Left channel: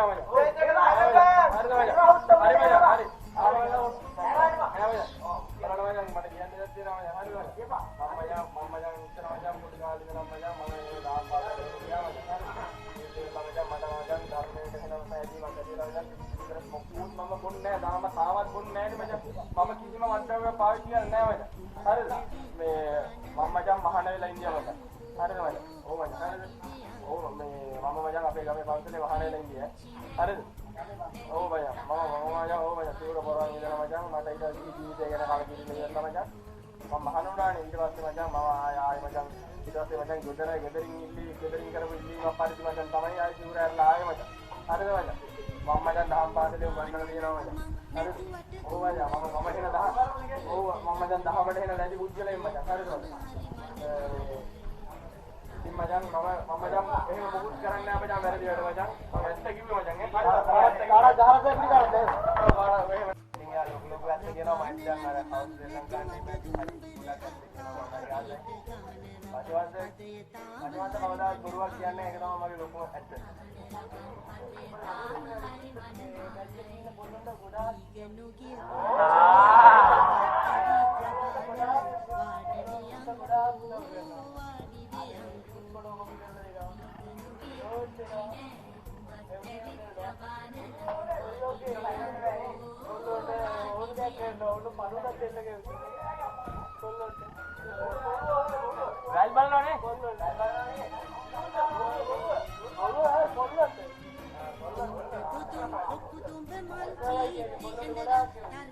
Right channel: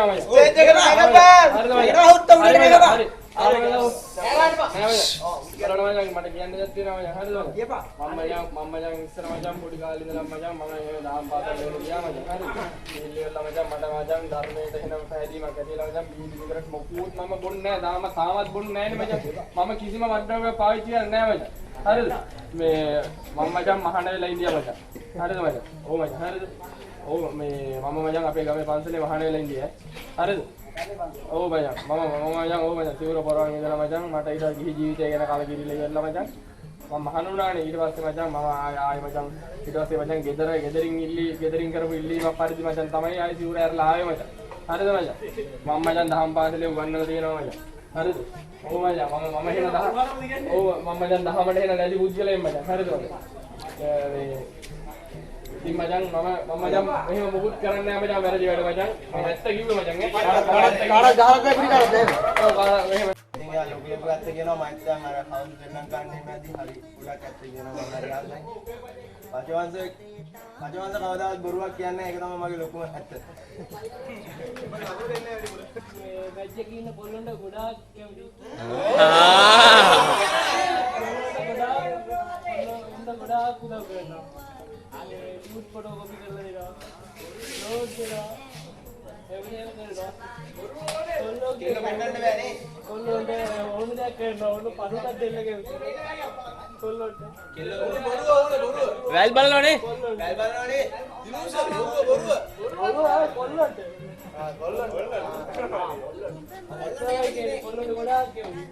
තියෙනවා මචං. ස්ටේජ් එකට එන්න බෑ. එනවා උත්තම දෙන්න බෑ. හරි. කරලා මචං මට කියන්න දෙයක් තියෙනවා මචං. හරිද මචං? කියපා. මම මචං ඉස්සර මචං පොඩි කාලේ ඉඳලා මචං මම ඒ දාම් පාතල් වල ගියා මචං. හරිද? ඉල්ලෙලා මචං මට මචං ධර්මයට එනම පැහැදීමක් ඇතිලා මචං විතරක් මොකුත් මම බොන්නේ නැහැ. තාමත් බොන්නේ නැහැ නේ මචං. මම කිසිම වඩාවක් පාවිච්චි කරන්නේ නැහැ මචං. හරිද? මේ මම මචං මහාන වෙලා ඉඳියා මචං. හරිද මචං? ඔව් මචං. හරිද? ඔව් මේ මම මචං අපේ ගමේ පන්සලේ මහාන වෙලා ඉඳියා. හරිද? ඔව් මචං. මම මචං ඔව් මචං තිවුර පොරවන් ඉඳලා මචං මට ඊට ගිහි ජීවිතය ගැන කලකිරිලා ඉවරලා මචං. මම මහාන වුණානේ ඊට පස්සේ මචං මම ආයෙ මචං ඊට පස්සේ මචං ගෙදරින් කරපු ඉල්ලීමක් පරිදි මචං තමයි ආයෙ තිවුර ඇරලා ආවේ මචං. හරිද මචං? මම මචං දහම් පාසලේ උගන්වලා තියෙනවා මචං. හරිද? ඔව් මචං මම එහෙන ඔව් මම මචං දහමට එහෙන ලැබි පුද්ගලයෙක් මචං. හරිද මචං? ඉතින් මචං මම මචං එහෙම මොකුත් කරන්නේ නැහැ මචං වැරදි වැඩ මචං. මම ඇත්ත කිව්වේ මචං නේ. කාටවත් ගහලා පැපිලි කරලා දෙන්න. ඔව් එහෙම. ඉතින් යා ලොකු ඇත්ත කියනවා මම දැන් අර හවුස් දෙන්නම් ගන්න ඉපැදී හරි උලක් ඇත්ත කියනවා මම හරි ආසයි. පචවංශ කවදාවත් බොරුවක් කියන්නේ ඒක තමයි මගේ ලොකුම ඇත්ත. මේ මැච් එකේ ඉන්න පොල්ලොන්ට ගොඩාක් කැමති ගොඩාක් උදව් කරනවා. අනේ ෂූට් ෆොටෝ කොපි කරලා දෙනවා. නෝට් දෙනවා. එවුනේ කරනවා. කොල්ලෝ කියන කන්නන්න බෑනේ. කොල්ලොන්ට ඕන දෙයක් කරනවා. ඕන පණුටක් දෙන්න කැමති. කොල්ලොන්ට. වැල් බලනවනේ. වැල් බලනවනේ. කොල්ලොන්ට. කොල්ලොන්ට ගොඩාක් කැමති.